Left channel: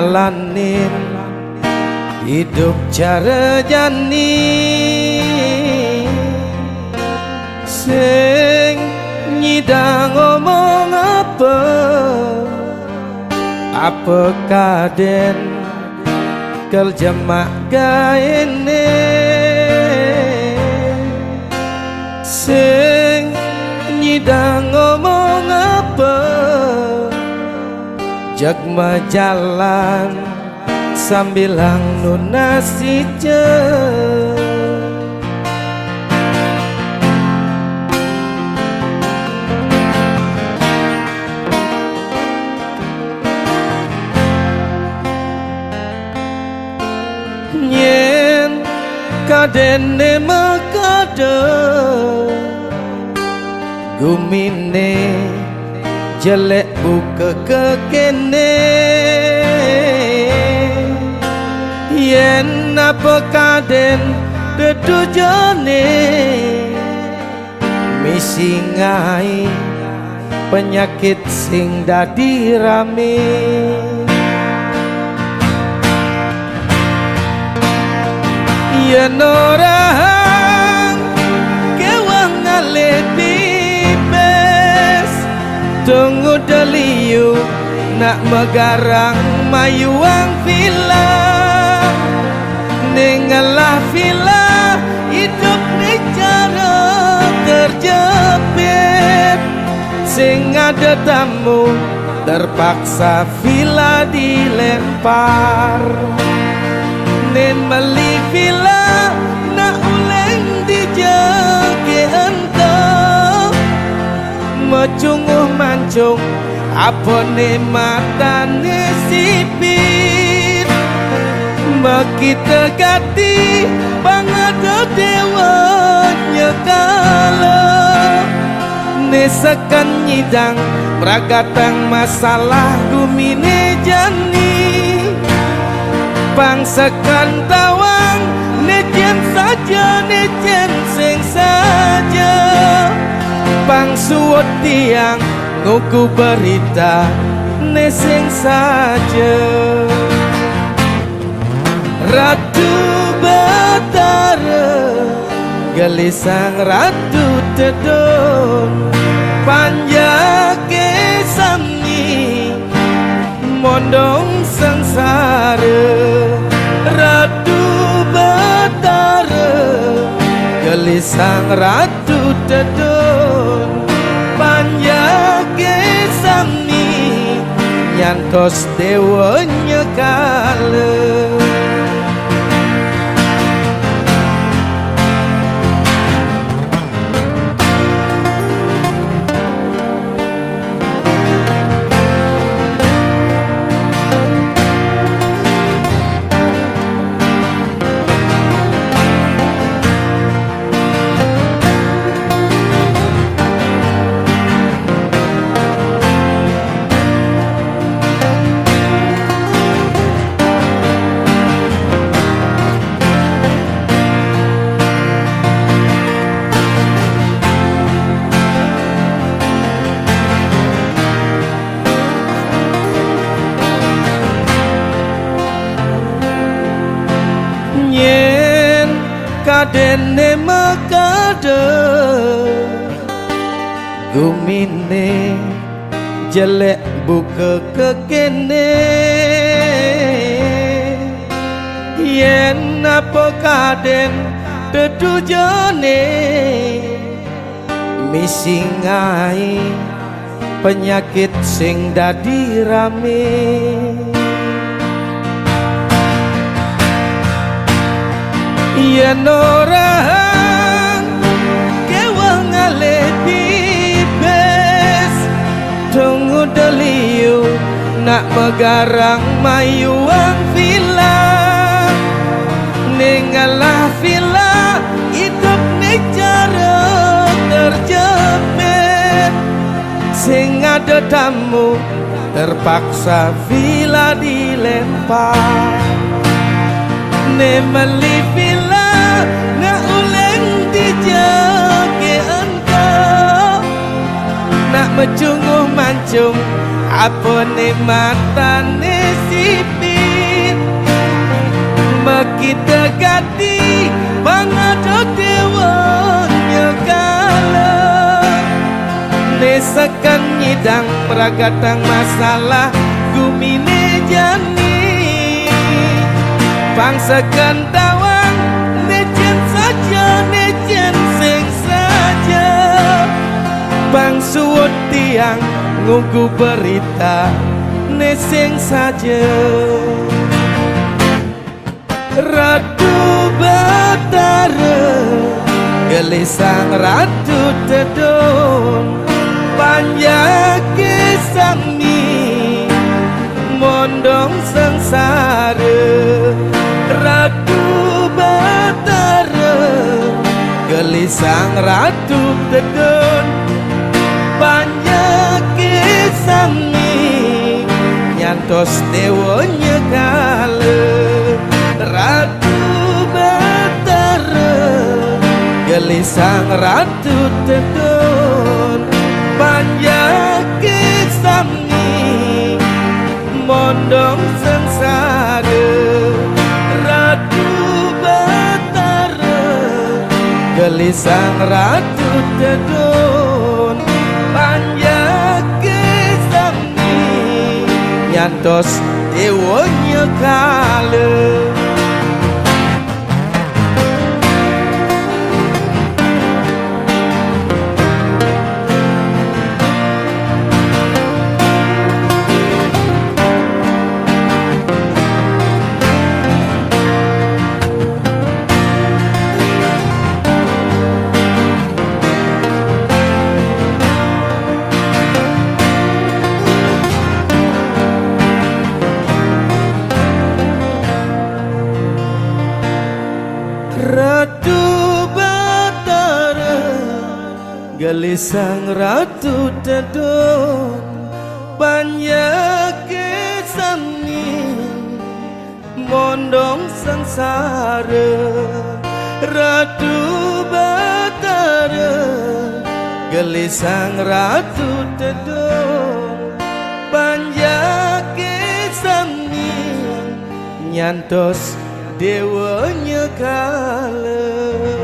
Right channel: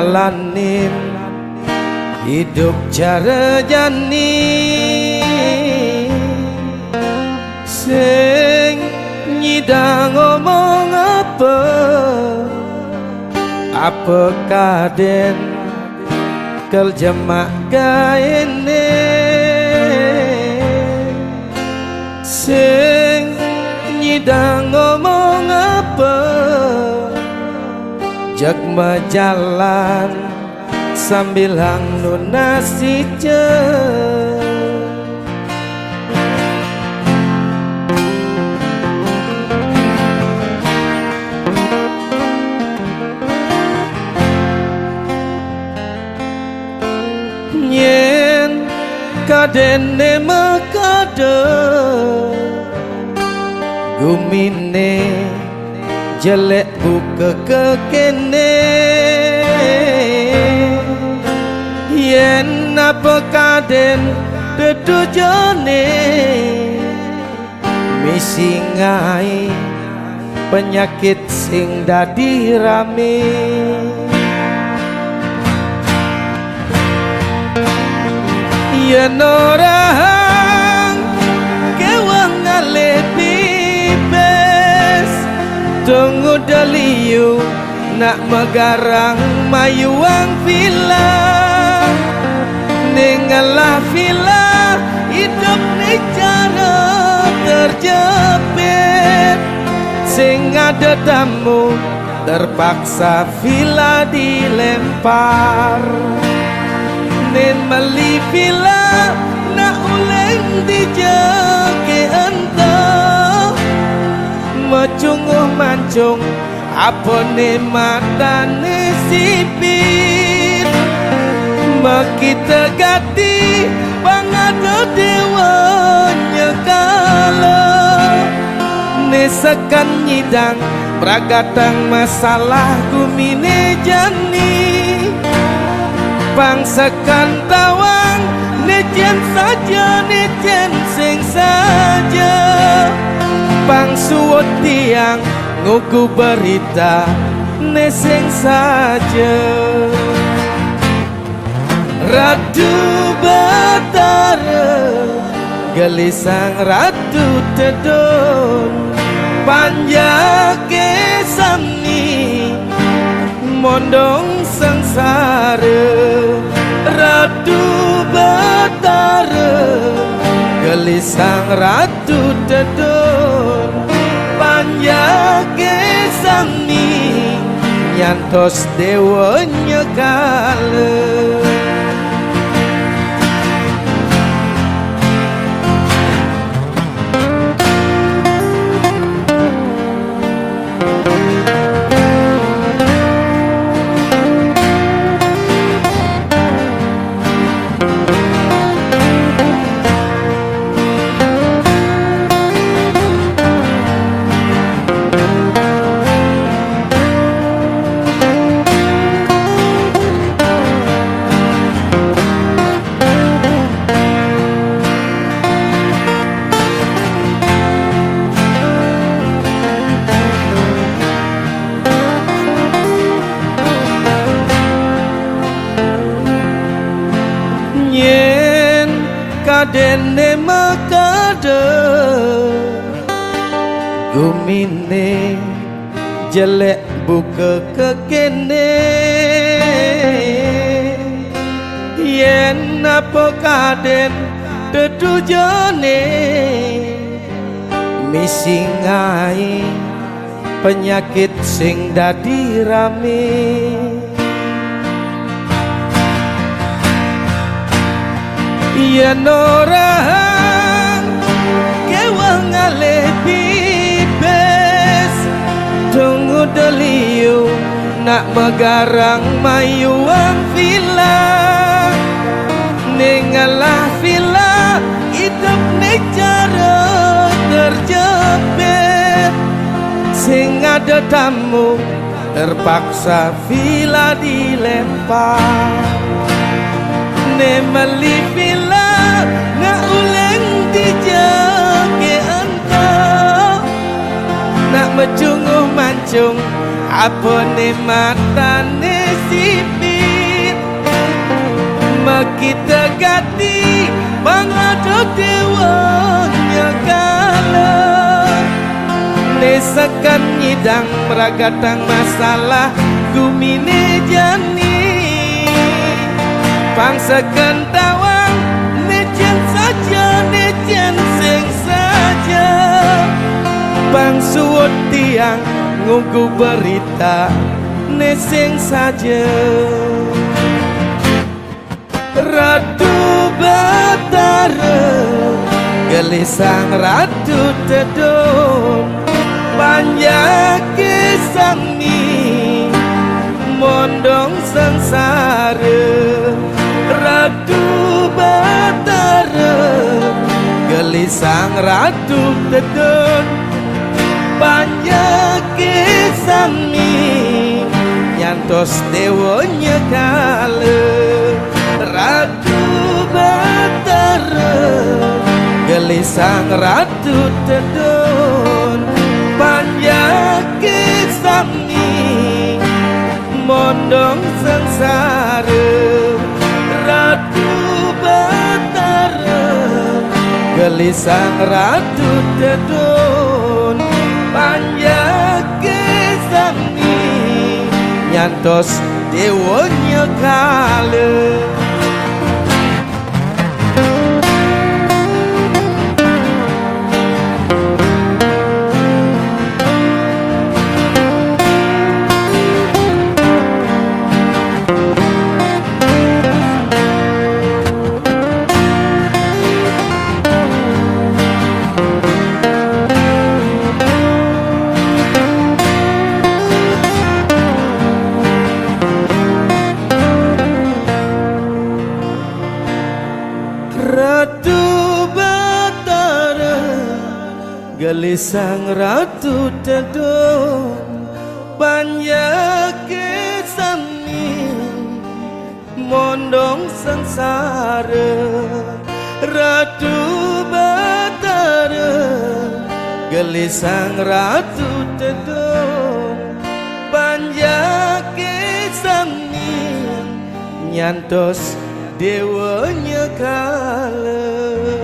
jalanin hidup cara jani sing nyidang ngomong apa kaden kel jemak gaene sing nyidang ngomong jagma jalan sambil hang nunasi nyen kadene makade gumine jelek buka kekene yen apa kaden tetujane misingai penyakit sing dadi rame yen orang kewang ngalepi tunggu daliu nak megarang mayuang villa nengalah villa hidup ni cara terjepit sing ada tamu terpaksa villa dilempar nen meli villa nak uleng dijake entah macunguh mancung apa ne matane sipit makita gati bangado dewanya kala ne sekan nyidang pragatang masalah gumine jani pangsekan tawang nejen saja nejen sing saja pangsuot tiang nguku berita neseng saja Ratu Batara gelisang Ratu Tedon panjake sami mondong sengsara Ratu Batara gelisang Ratu Tedon panjake sami nyantos dewanya kala yen kadene makade gumine jelek buka kekene yen apa kaden tetujane misingai penyakit sing dadi rame yen orang kewang ngalih pipes tunggu daliu nak megarang mayuang villa nengalah villa hidup ni cara terjepit sing ada tamu terpaksa villa dilempar nemeli villa na uleng dijake entah nak mecunguh mancung apa ne matane sipi kita gati pangado dewanya kala nesakan nyidang meragatang masalah gumine jani pangsakan tawang nejen saja nejen sing saja pangsuwut tiang ngunggu berita nesing saja Ratu Batara gelisang Ratu Tedon panjake sami mondong sengsara Ratu Batara gelisang Ratu Tedon panjake sami nyantos dewonya kala Ratu Batara gelisang Ratu Tedon panjake sami mondong sengsara Ratu Batara gelisang Ratu Tedon panjake sami nyantos dewonya kala Ratu Batara gelisang Ratu Tedon panjake sami mondong sengsara Ratu Batara gelisang Ratu Tedon panjake sami nyantos dewanya kala